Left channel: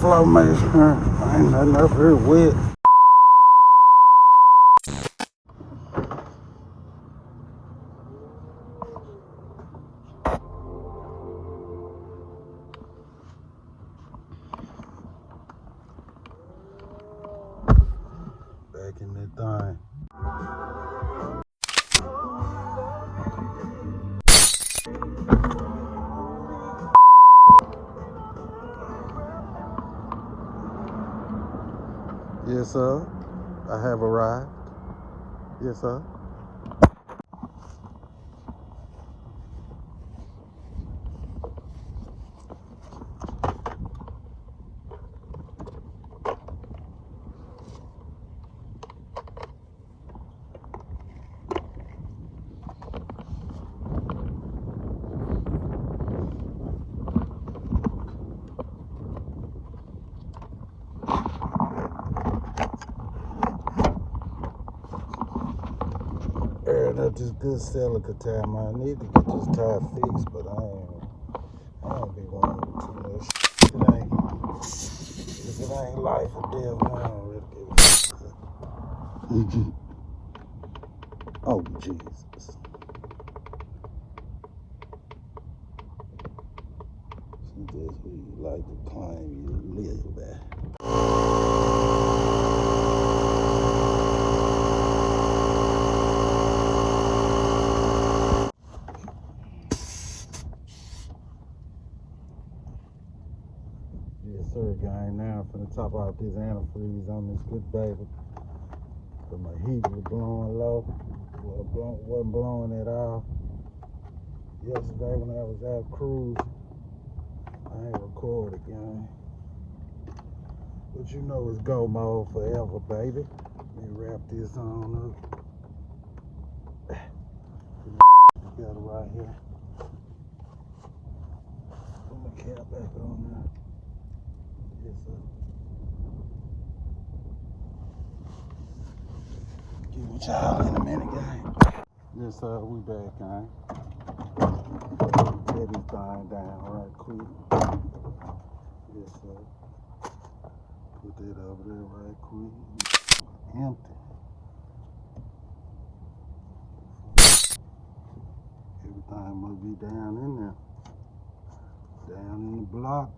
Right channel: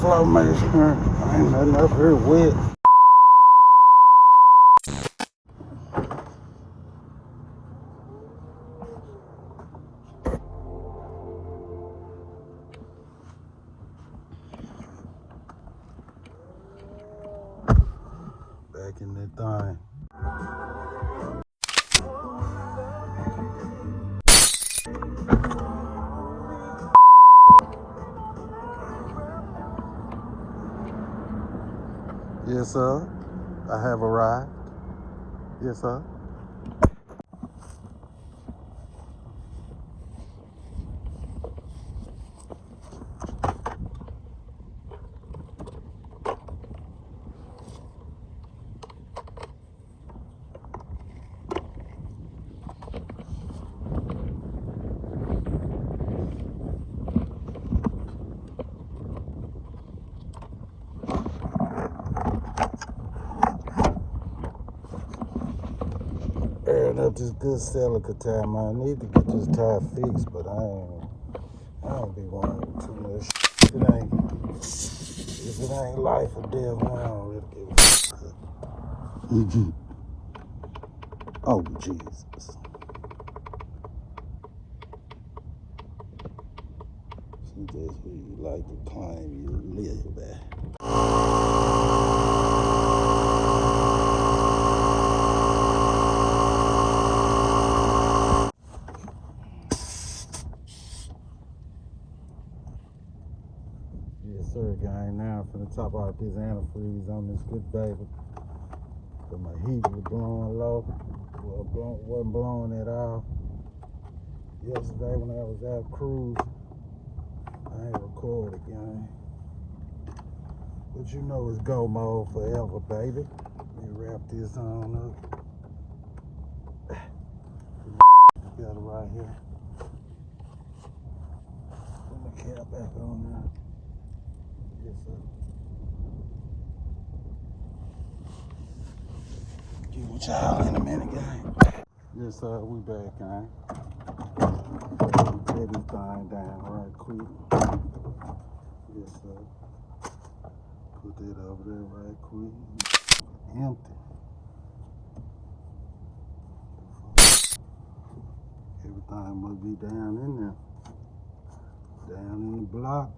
flow measurement. Ain't nothing up here wet. Back in that thing. Yes, sir. I have arrived. Yes, sir. Airing up this good celica tire, man. I need to get this tire fixed, but I don't be wanting too much. If it ain't life or death, man, I don't really give a fuck. Oh, Jesus. She just really like to climb you live there. Yes, sir, gang. Now I'm finna top out this antifreeze on this good baby. Cause my heat was blowing low. Wasn't blowing at all. Yesterday when I was out cruising, I ain't recorded, gang. But you know it's go mode forever, baby. Let me wrap this on up. Together right here. Put my cap back on now. Yes, sir. Get with y'all in a minute, gang. Yes, sir, we back, gang. Set this thing down right quick. Yes, sir. Put that over there right quick. Empty. Everything must be down in there. Down in the block.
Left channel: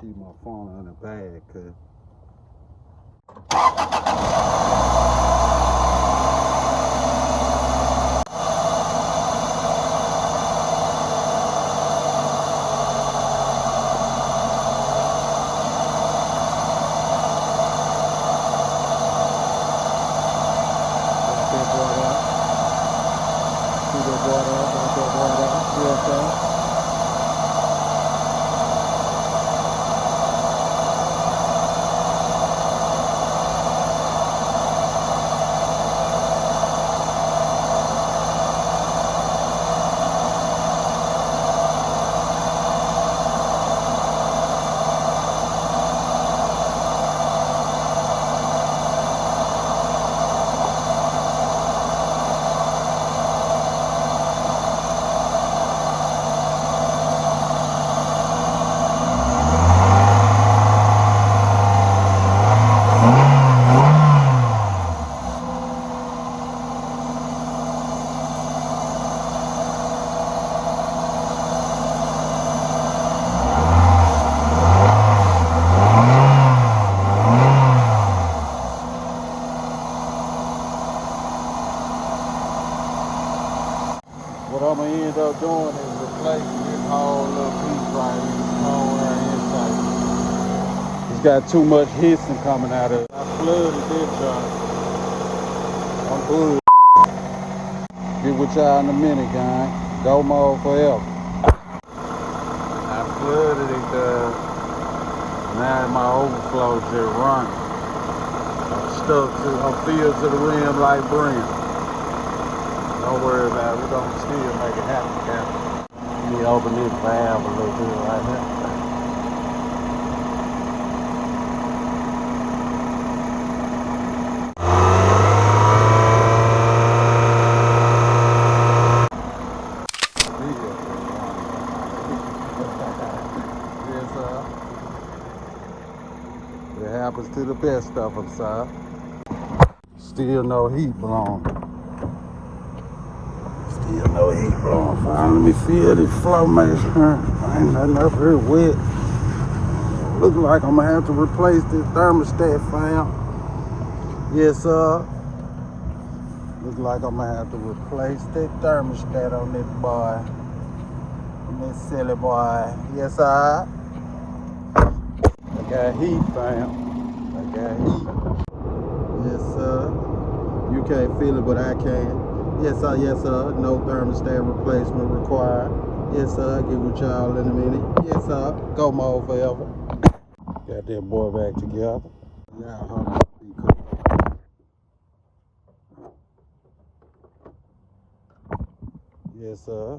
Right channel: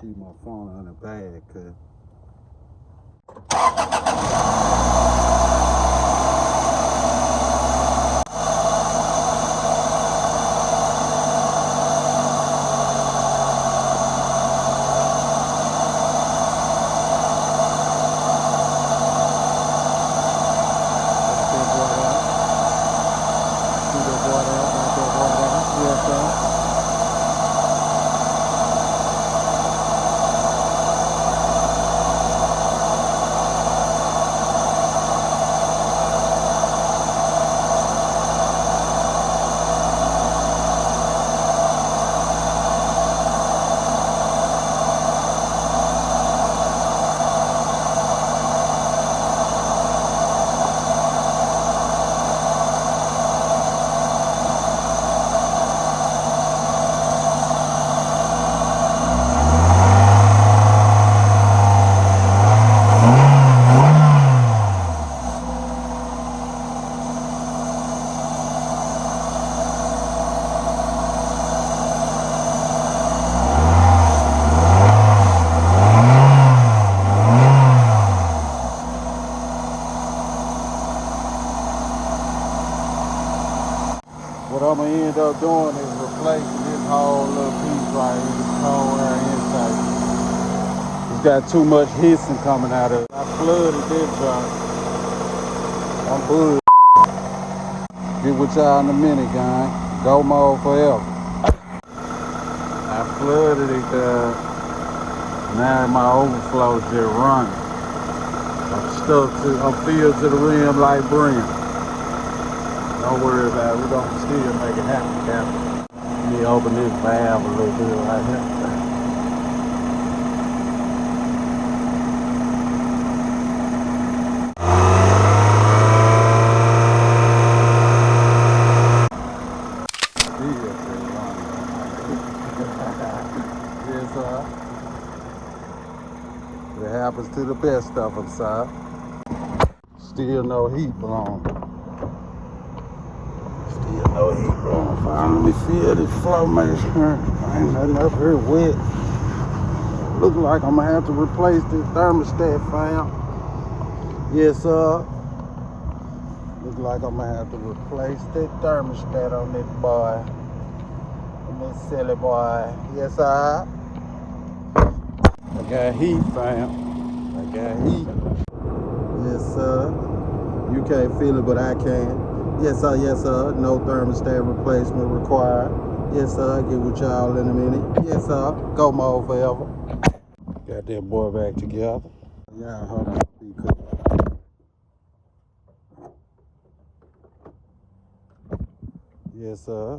Keep my phone in the bag, cause what I'm gonna end up doing is replacing this whole little piece right here, this whole air intake. It's got too much hissing coming out of it. I flooded this truck. I'm blue. Get with y'all in a minute, gang. Go mode forever. I flooded it, now my overflow just running. I'm filled to the rim like breeze. Don't worry about it. We're going to still make it happen. me open this valve a little bit right here. It happens to the best of them, sir. Still no heat blown. Still no heat blown. Let me feel this flow measure. I'm up here wet. Look like I'm gonna have to replace the thermostat, fam. Yes, sir. Look like I'm gonna have to replace the thermostat on this boy. On this silly boy. Yes, sir. I got heat, fam. I got heat. Yes, sir. You can't feel it, but I can. Yes, sir. Yes, sir. No thermostat replacement required. Yes, sir. Get with y'all in a minute. Yes, sir. Go mode forever. Got that boy back together. Now, hold on. Be cool. Yes, sir.